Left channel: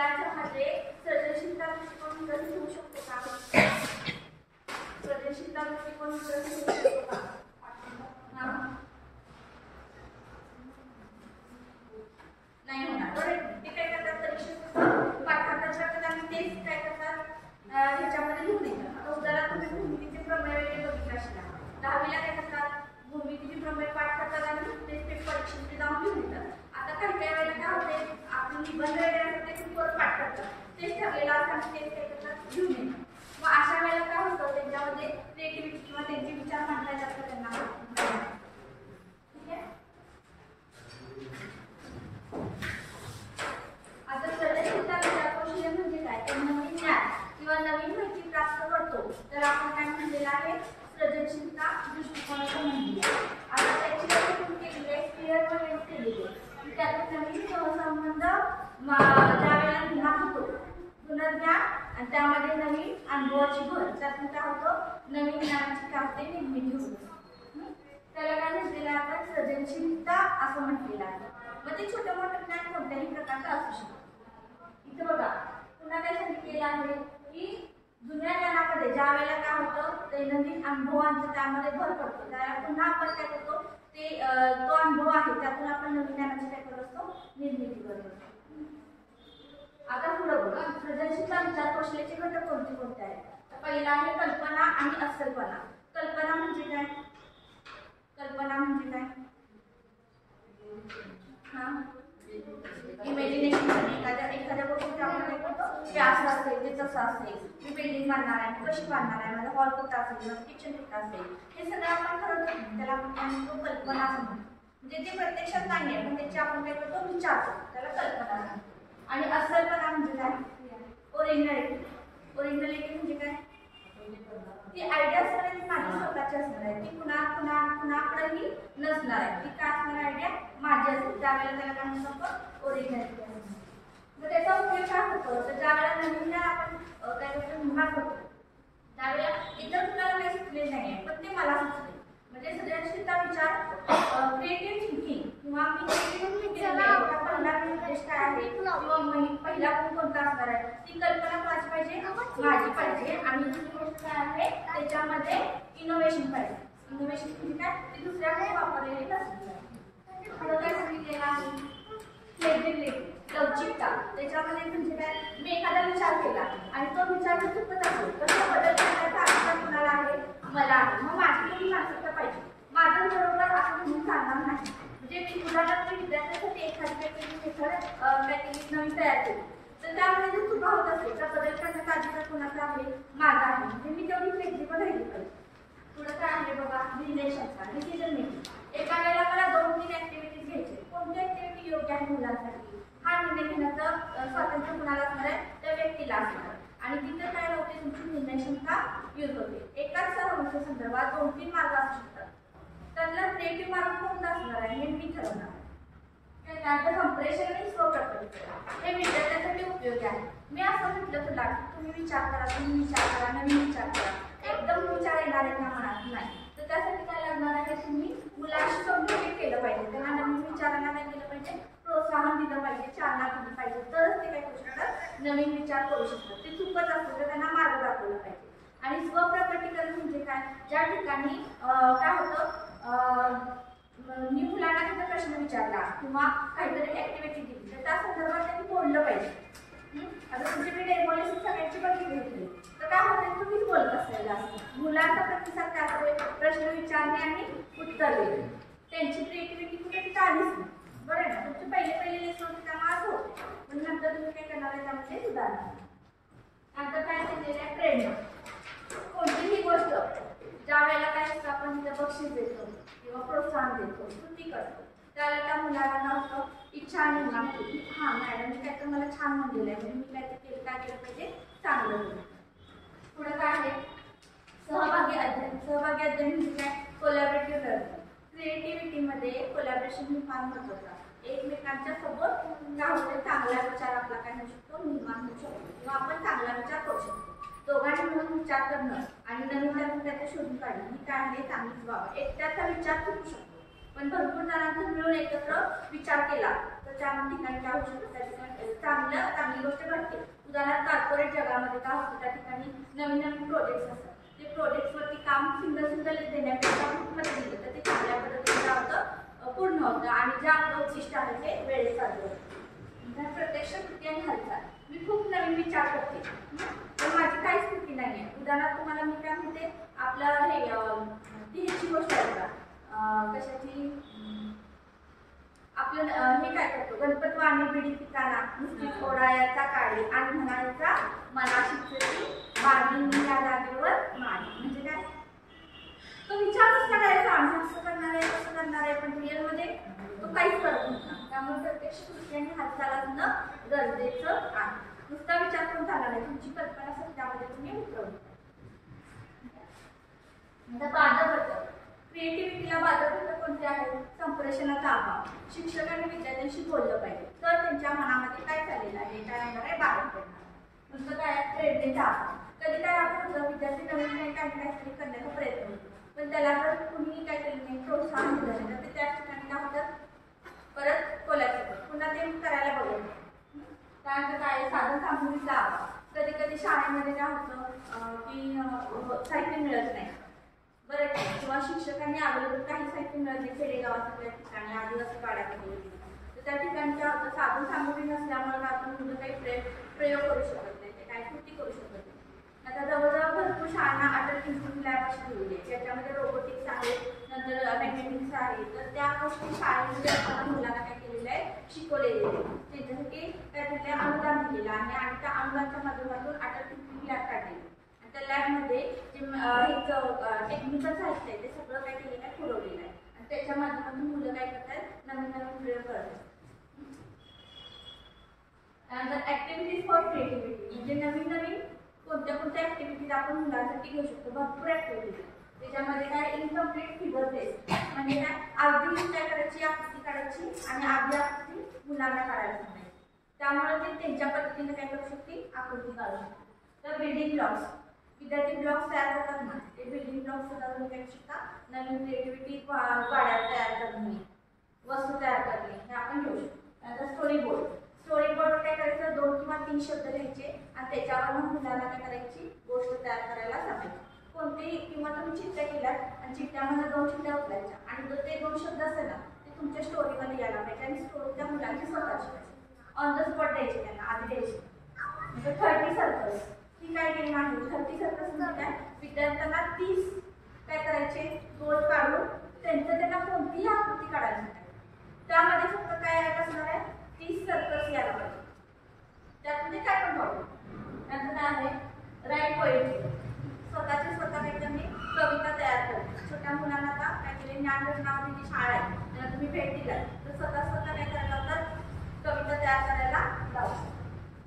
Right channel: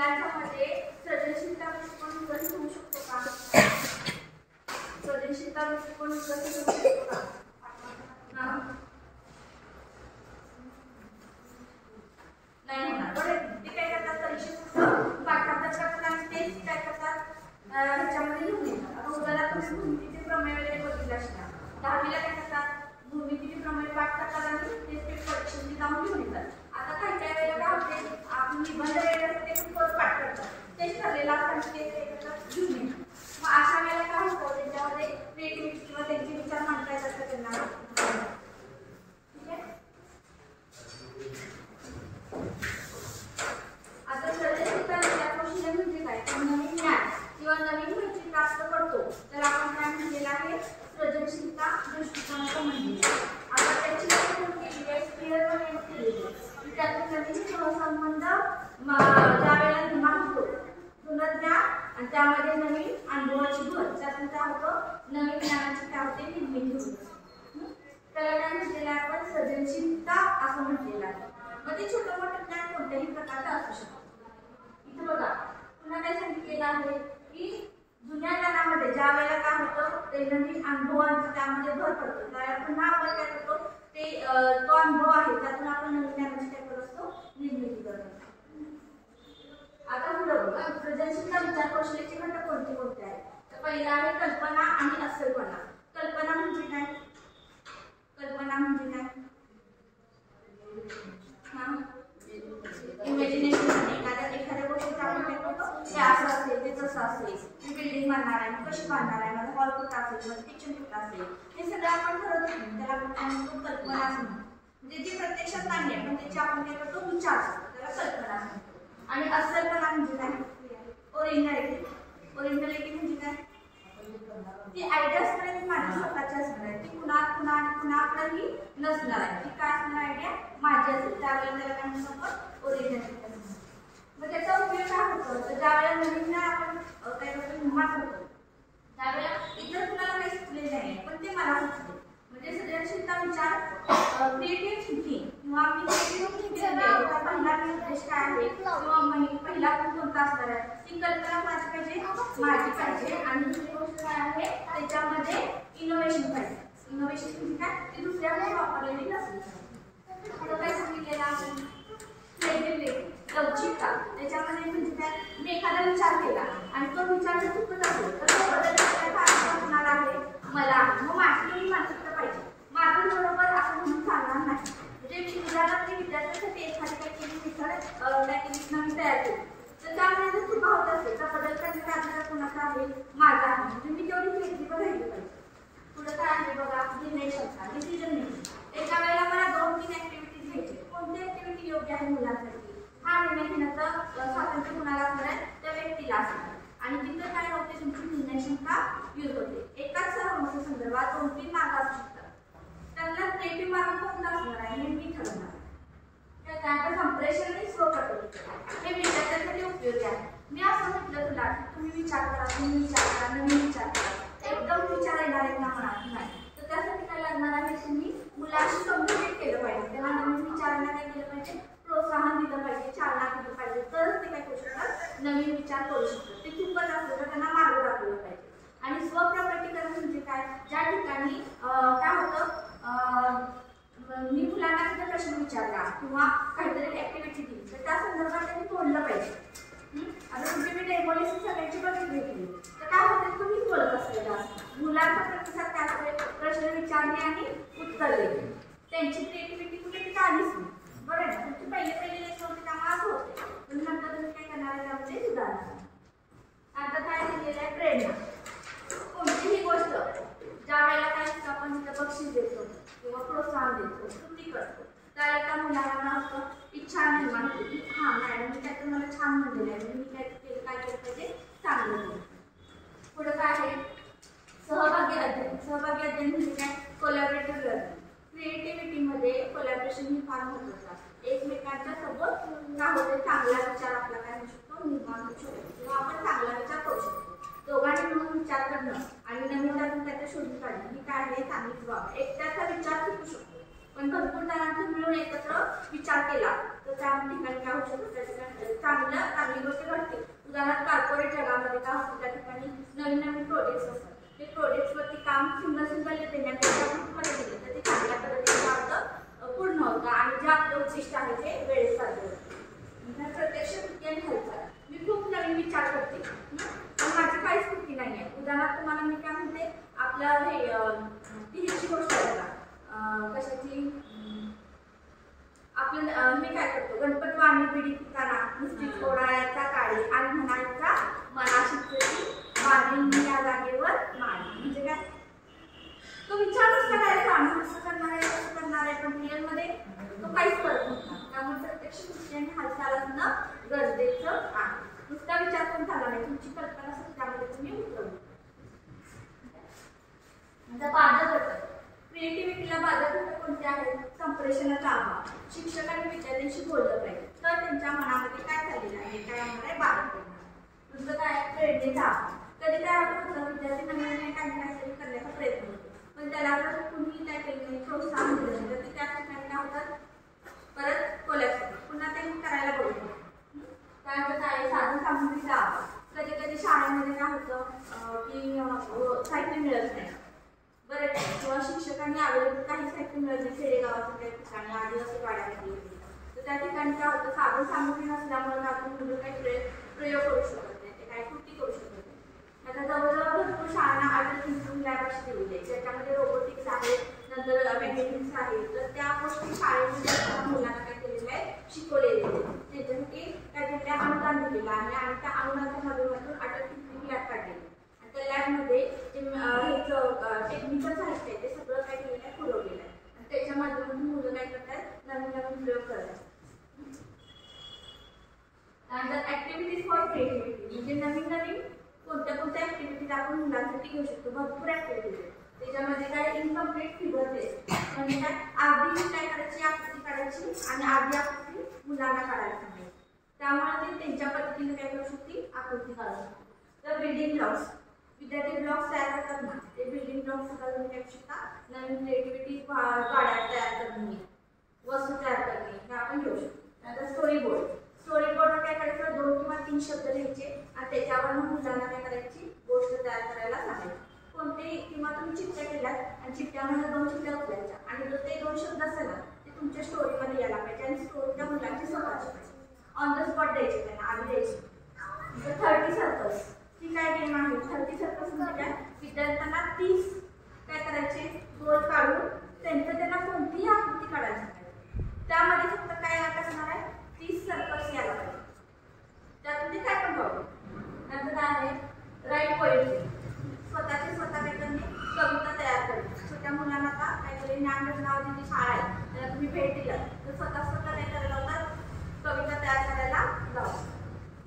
मुलांच्यामध्ये सर्जनशीलता दृष्टिकोन विकसित होऊ शकतो का? सर्जनशीलता दृष्टिकोन विकसित होऊ शकतो का? नाही होणार. बरोबर. ते काय करतात परीक्षेत पाठांतर करतात आणि तेच काय करतात ह्याच्यामध्ये लिहून येतात. आता उदाहरणार्थ तुम्ही भूमितीचे प्रमेय वगैरे बघितले असणार. 10वीला काय करतात भूमितीचे प्रमेय पाठ करतात आणि तेच परीक्षेमध्ये जाऊन लिहून येतात. आता काही वेळेला काय होते आपण निबंध वगैरे ते खूप परत पाठ करतात. तेच ठरलेलं असताना तेच काय करतात लिहून येतात. मग अशा वेळेला काय होतं त्यांच्यामध्ये क्रिएटिव्हिटी किंवा त्यांचे विचार मांडता येतात त्यांना. ठीक आहे. आता सर्जनशीलता विचारकौशल्य म्हणजे काय तर नवीन ज्ञान किंवा नवीन माहिती प्राप्त करतो तर आपण काय म्हणलेलं आहे सर्जनशीलता दृष्टिकोन असं म्हणलेलं आहे. आता त्याची व्याख्या केली आहे स्पियर म्हणून केलेली आहे. त्यातून नवीन सहसंबंध ज्यावेळेला निर्माण होतो जुनं ज्ञान आणि त्यामध्ये नवीन अनुभवाची भर त्यातून काय होतं नवीन ज्ञानाची काय होते निर्मिती होते. त्याला काय म्हटलेलं आहे आपण सर्जनशीलता असं म्हटलेलं आहे. मग ते छोटं मोठं ज्ञान कोणत्याही प्रकारचं असू शकतं. इथं बघा पुन्हा काय सांगितलेलं आहे की जुन्या ज्ञानामध्ये ज्या वेळेला काय होतं दैनंदिन अनुभवांचा त्यामध्ये भर पडतो त्यावेळेला पुन्हा आपण काय करतो ते तो अनुभव आहे त्यातून आपण नवीन ज्ञानाची काय करत असतो निर्मिती करत असतो. आता पुढे बघा सर्जनशीलता विचारकौशल्याचे घटक कोणते कोणते आहेत तर पहिला आहे कल्पना आणि अस्सलपणा. कल्पना म्हणजे काय? कल्पना म्हणजे काय? इमॅजिनेशन. एखाद्या गोष्टीचा आपण काय करतो ते असं असेल ते तसं असेल मी बिल्डिंग बांधणार आहे कशी बांधणार आहे माझा हॉल कुठं असेल किचन कुठं असेल हे सगळं आपण ठरवतो त्याला आपण कल्पना असं म्हणतो. म्हणजे ते प्रत्यक्षात नाहीये पण त्याची आपण काय करतो विचार करतो त्याला कल्पना म्हणतो. आणि अस्सलपणा म्हणजे काय? ओरिजिनॅलिटी. ओरिजिनॅलिटी म्हणजे काय? ती आयडिया असणार आहे माझी स्वतःची असणार आहे ती कुणाकडेही नसणार आहे. ती काय असणार आयडिया माझी असेल त्यावेळेला त्याला काय म्हणतो आपण ओरिजिनॅलिटी. मग त्याचा उपयोग काय होतो तर ज्यावेळेला नवीन आपण काय करतो निर्माण करतो त्यावेळेला इतर कुणाला काही सुचले नाही पण ते मला सुचले. म्हणजे सर्जनशीलता विचार क्रिएटिव्ह थिंकिंग किंवा मी क्रिएटिव्ह थिंकिंग पहिला निर्देश काय आहे किंवा पहिला गुण कोणता असणार आहे ती कल्पना माझी पाहिजे माझी पाहिजे आणि दुसरी गोष्ट काय आहे त्याच्यामध्ये इनोव्हेशन पाहिजे. इनोव्हेशन म्हणजे काय ती दुसऱ्याकडे वापरलेली नसली पाहिजे. काय सांगितलेलं आहे फ्लेक्झिबिलिटी लवचिकता. त्याच्यामध्ये म्हणजे काय मी एखादा विचार केला आणि तो विचार जर चुकत असेल तर तो बदल करण्याचा अधिकार कुणाला आहे मला आहे. मग माझी तुम्ही मानसिकता पाहिजे माझं बरोबर असं म्हणून चालणार नाही. म्हणजे मी उदाहरणार्थ विद्यार्थ्यांसाठी एखादी काहीतरी मेथड काहीतरी नवीन तयार केली तर त्यामध्ये जर चुका होत असेल तर बदल करण्याचा अधिकार कुणाचा आहे माझा आहे. म्हणजे मी तेवढी फ्लेक्झिबल राहिली पाहिजे. पुढे काय आहे बघा निर्णय क्षमता डिसिजन मेकिंग. एका वेळेला मला 2-3 ऍक्टिव्हिटीज घ्यायची कोणती ऍक्टिव्हिटी योग्य आहे मुलांसाठी हा निर्णय घेण्याचं स्वातंत्र्य कुणाला असणार आहे त्या व्यक्तीला असणार आहे. आणि तिथं काय होते तुमची निर्णय क्षमता यूज होते. एकाच समस्ये संदर्भात 2-3 मार्ग असू शकतात त्यांना क्रिएटिव्ह मार्ग कोणता असणार आहे हे मी ठरवणार. त्यानंतर संप्रेषण आणि स्वप्रकल्प हे विद्यार्थ्यांसाठी उपयोगी आहे. मी असं म्हटलं तुला की तुम्ही विचार करा तुम्ही विचार करा नवीन विचार करा एकदम विचार येणार आहे ना म्हणा नाही तर त्यासाठी काय लागणार आहे तुम्ही मुलांशी कम्युनिकेट केलं पाहिजे. तेव्हा नवीन विचारांना काय केलं पाहिजे प्रोत्साहन दिलं पाहिजे चालना दिली पाहिजे तरच ते काय करू शकतात नवीन विचार करू शकतात. ते चुकत असलं तर त्यांना मार्ग दाखवला पाहिजे. आणि स्वप्रकटीकरण म्हणजे काय ज्या ठिकाणी काय होतं मी मुलांना तिथं प्रश्न विचारला किंवा काहीतरी ऍक्टिव्हिटी दिली तर त्या संदर्भात त्यांनी बोललं पाहिजे. आता तुमची मी डेमोलिसिस सगळ्यांची बघितली तर काय होतं तुम्हीच बोलत असलेला मुलांचा प्रतिसाद काय होते प्रश्न विचारणे आणि उत्तर देणे त्यांची क्रिएटिव्हिटी कुठे तिथे आलीच नाही. बरोबर ना तुमचे पहिले लेसन होते त्यामुळे असं होते पण नंतर तुम्ही काय करणार आहे त्यामध्ये सुधारणार. आता काय केलेलं आहे प्रेरणा. कोणतीही गोष्ट ज्या वेळेला काय आपण तिथं बक्षीस देतो किंवा प्रोत्साहन देतो कृती करतो त्यावेळेला त्या मुलांना असं इच्छा निर्माण होती हां मॅडम मी काय तर मला छान म्हणलेलं आहे मी काय केलं पाहिजे चांगलं केलं. पुढं काय आहे सहभागी अध्ययन. सहभागी अध्ययन म्हणजे काय कोलॅबरेटिव्ह लर्निंग. क्रिएटिव्हिटीमध्ये कोलॅबरेशन ही फार महत्त्वाचं असतं. एकमेकांच्या सोबत काय होतं चांगला विचार आपला काय होऊ शकतो निर्माण होऊ शकतो किंवा आपण चांगला विचार करू शकतो. दोघांनी मिळून विचार करणं आणि नवीन त्यातून त्याच्या शोधून काढणं ही काय आहे चांगलीच बाब. एकट्याचा विचार चुकू शकतो पण भरपूर जणांनी मिळून एकत्र विचार केला तर त्या ठिकाणी काय होऊ शकतं, त्या ठिकाणी चांगली गोष्ट घडते. उदाहरणार्थ कार्पोरेट जगामध्ये काय होतं, त्या ठिकाणी नवीन नवीन प्रोजेक्ट्स असतात. ते प्रोजेक्ट्सवरती काम सुंदर देण्यापेक्षा ग्रुपमध्ये दिलं तर ते चांगल्या पद्धतीने काय होतं, पूर्ण होतं आणि जे आपलं उद्दिष्ट आहे ते वेळेत साध्य होतं. प्रत्यक्ष कृती आणि हालचाल. मी खूप नवीन विचार करते पण माझी काहीच कृती नाही आहे. उदाहरणार्थ तुम्हाला मी काय म्हणते, आपलं हे ह्याची गोष्ट आहे बघा, कशाची, आपलं हे काय करतो, गणपत वाणी पिढी पिताना नुसती थोडायाचा काळी आणि म्हणायचा मनाशी मारली या जागेवर मारली. म्हणजे काय, तो विचारच करायचा आम्ही असं करणार आहे कसं करणार आहे, पण रिअल मध्ये तो काहीच करत नव्हता. त्यामुळे प्रत्यक्ष कृती आणि हालचाल असणं गरजेचं आहे. नुसता विचार पण झाला नाही, तुमची कल्पना सत्यामध्ये तुम्ही उतरवली. बाधक घटक, क्रिएटिव्हिटीला बाधक घटक कोणते आहेत, संप्रेषणाचा अभाव. शिक्षकांनी विद्यार्थ्यांशी बोललं पाहिजे तर त्यांच्या मनामध्ये काय झालेलं आहे, काय होणार आहे, बाधक पडणार. नुसतं काय, प्रेरणेचा अभाव. कधी काय होतं, विद्यार्थी नवीन काहीतरी करण्याचा प्रयत्न होतो पण त्याला जर कुणी काय केलं नाही, प्रोत्साहन दिलं नाही तर ते त्या ठिकाणी काय होतात, परत कोलॅप्स होतात, पुन्हा ते करायला बघत नाही. त्यानंतर काय, साधन सामुग्रीचा अभाव. कधी कधी शाळेमध्ये काय होतं की साहित्य मिळत नाही बरं, किंवा शिक्षकांनी अवेलेबल काही साहित्य मिळत नाही खेडेगावाच्या ठिकाणी, आदिवासी गाड्यामध्ये तर त्या ठिकाणी काय होतं, साधन सामुग्री नसल्यामुळे आपण मुलं काही प्रयोग करू शकत नाही, ते काही कृती करू शकत नाही. आता जवळजवळ भरपूर शाळांना अटल इन्स्टिट्यूट लॅब अशी दिलेली आहे ज्याच्यामध्ये रोबोटिक्स आहे, नंतर मेकॅनिक्स आहे, तर त्या गोष्टी शाळेमध्ये मुलांना काय केलेलं आहे, शिकवलेले आहे. त्याच्यासाठी त्या अनुदान दिलेलं आहे आणि त्या अनुदानाच्या माध्यमातून अटल इन्स्टिट्यूट लॅब काढलेली आणि त्या लॅबमध्ये जे टेक्निकल साहित्य आहे ते सगळं काय केलेलं आहे, पुरवलेलं आहे आणि त्याच्या माध्यमातून मुलं काय करतात, नवीन नवीन प्रयोग करतात. त्यानंतर ऍक्टिव्हिटीज फॉर क्रिएटिव्हिटी, म्हणजे नवीन नवीन कोणत्या ऍक्टिव्हिटीज आपण मुलांसाठी घेऊ शकतो. भरपूर ऍक्टिव्हिटीज त्याच्यामध्ये काय, इनकम्प्लीट फिगर टेस्ट म्हणजे काय, अर्धी काय करायची, आकृती काढायची आणि अर्धी आकृती मुलांना काढायला सांगायची. त्यामुळे ते त्यांच्या पद्धतीने काय करू शकते, आकृती काढू शकते. तर बिल्डिंग ब्लॉक्स, विद्यार्थी ब्लॉक्स तयार करतात ना, ते बिल्डिंग ब्लॉक्स सुद्धा तुम्ही काय शकता, नवीन क्रिएटिव्हिटी गाड्या तयार करणे, वस्तू तयार करणे हे आपण घेऊ शकतो. त्यानंतर स्टोरी बोर्ड. स्टोरी बोर्ड काय करायचं, 2 किंवा 3 शब्द लिहायचे आणि त्याच्यावर मुलांना काय करायची, गोष्ट तयार करायला सांगायची. कोणतेही किंवा तुम्ही चिठ्ठ्या केल्यात आणि चिठ्ठ्यामध्ये 2 चिठ्ठ्या उचलायच्या आणि जर ते 2 शब्द असेल ना ते तुमच्या स्टोरीमध्ये यायला पाहिजे आणि स्टोरीच्या मुलांची स्वतःची ऑन द स्पॉट द्यायचे, त्यांना आधी द्यायची. 30 सर्कल्स ही काय गेम आहे, 30 सर्कल्स म्हणजे काय, विद्यार्थ्यांना 30 काय करायचे, गोल काढून त्यांना कोणतीही आकृती काढायची नाही. त्यामध्ये फक्त काय असणार आहे, 30 सर्कल्स यायला पाहिजे. त्यातून ते काय पण पाहू. नंतर काय आहे, राईट पोएट्री. स्वतः काहीतरी कविता तयार करणे. छोट्या मुलांना काय केले, ज्ञानरचनावरची जी शाळा आहे त्याला तुम्ही भेट दिला तर स्वतः काय करायला लावतात, कविता तयार करायला लावतात.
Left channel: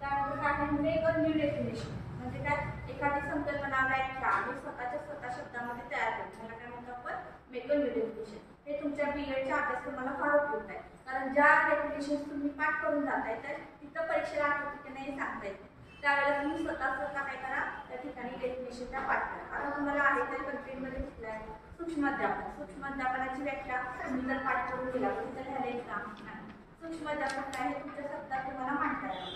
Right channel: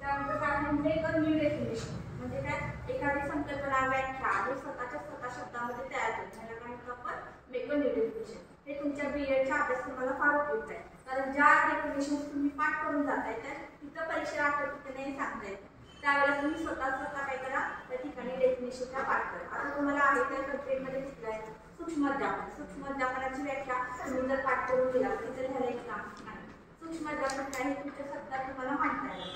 त्यानंतर काय आहे, मेक अ न्यू डेफिनेशन, म्हणजे काय, एखादी संकल्पना व्याख्या आणि स्वतः शब्दामध्ये तयार करणे, त्याला काय म्हणतो आपण, मेक अ न्यू डेफिनेशन. हे तुमच्या बीएडच्या अभ्यासक्रमाला फार उपयुक्त आहे कारण ज्या डेफिनेशन तुम्ही पाठ करून जाताय त्या तिथं परीक्षेला आठवत की नाही सांगता येते. त्यावेळेला तुम्ही स्वतः काय करा, त्या ठिकाणी डेफिनेशनचा पाठ करा. आता तुम्हाला आहे त्या कंटेंटमध्ये दिसलाय सूक्ष्म अध्यापन. सूक्ष्म अध्यापनाची व्याख्या तुम्ही जर पाठ करून गेला तर ह्याला एक काम नाही. सूक्ष्म अध्यापन काय हे तुमच्या शब्दात तुम्हाला मांडता येईल.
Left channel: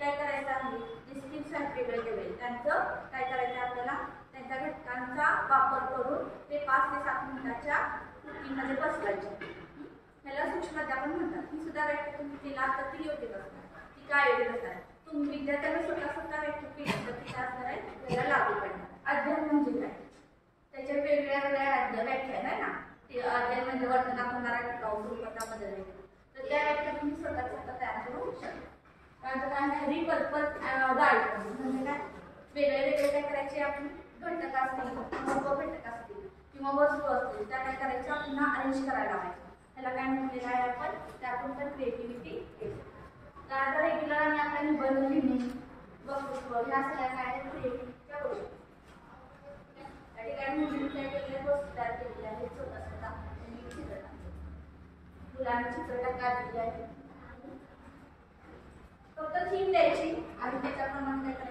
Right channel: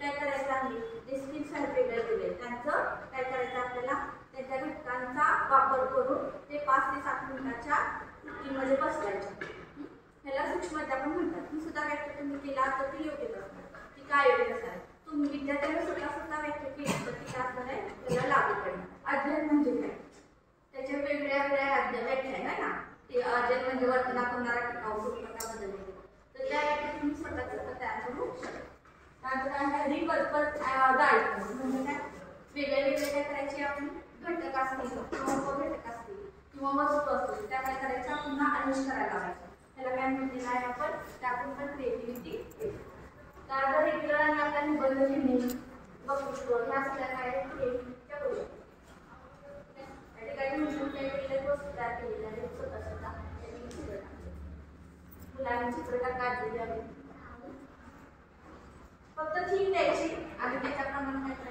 काय करायचं आहे, जे स्किल्स आहेत वेगळे त्यांचं काय करायचं, आपल्याला त्यांच्या घटकांचा वापर करून ते 5 ते 7 मिनिटाच्या कृतीमध्ये बसवायचे. ह्याला सूक्ष्म अध्यापन म्हणतात. ही सुद्धा व्याख्या तुम्ही केला तर ती योग्य असणार, ती काय योग्य असणार, तुम्ही विद्यार्थ्यांना स्वतः व्याख्या केली तर ती काय असणार आहे, त्याला लागू करणार. अध्ययन म्हणजे काय, त्याच्या वेगळ्या व्याख्या आहे ना, ते अध्ययन म्हणजे वर्तनात होणारा टिकाऊ स्वरूपाचा बदल आहे, तर त्या व्याख्या तुम्ही स्वतः तयार करू शकता. त्यानंतर काय, रिपर्पज गाईड म्हणजे काय, वेगळे काय करायचे, आपण घटक असतील किंवा उपघटक असतील किंवा वस्तू असतील त्या काय करायच्या, पुन्हा अरेंज करायला लावायच्या. त्याला काय म्हटलेलं आहे आपण, त्यातून पण क्रिएटिव्हिटी येते. त्यानंतर रेग्युलर आणि आपल्या निबंध लिहिणे, वक्तृत्व ह्या सगळ्या काय क्रिएटिव्हिटीच्या गोष्टी. त्या ठिकाणी मुलींच्या वेगवेगळ्या वस्तू तयार केलेल्या आहेत, स्वतः त्यांनी चित्र मुलांनी चित्र काढलेली आहे. फक्त थीम द्यायची आणि त्याच्याप्रमाणे काय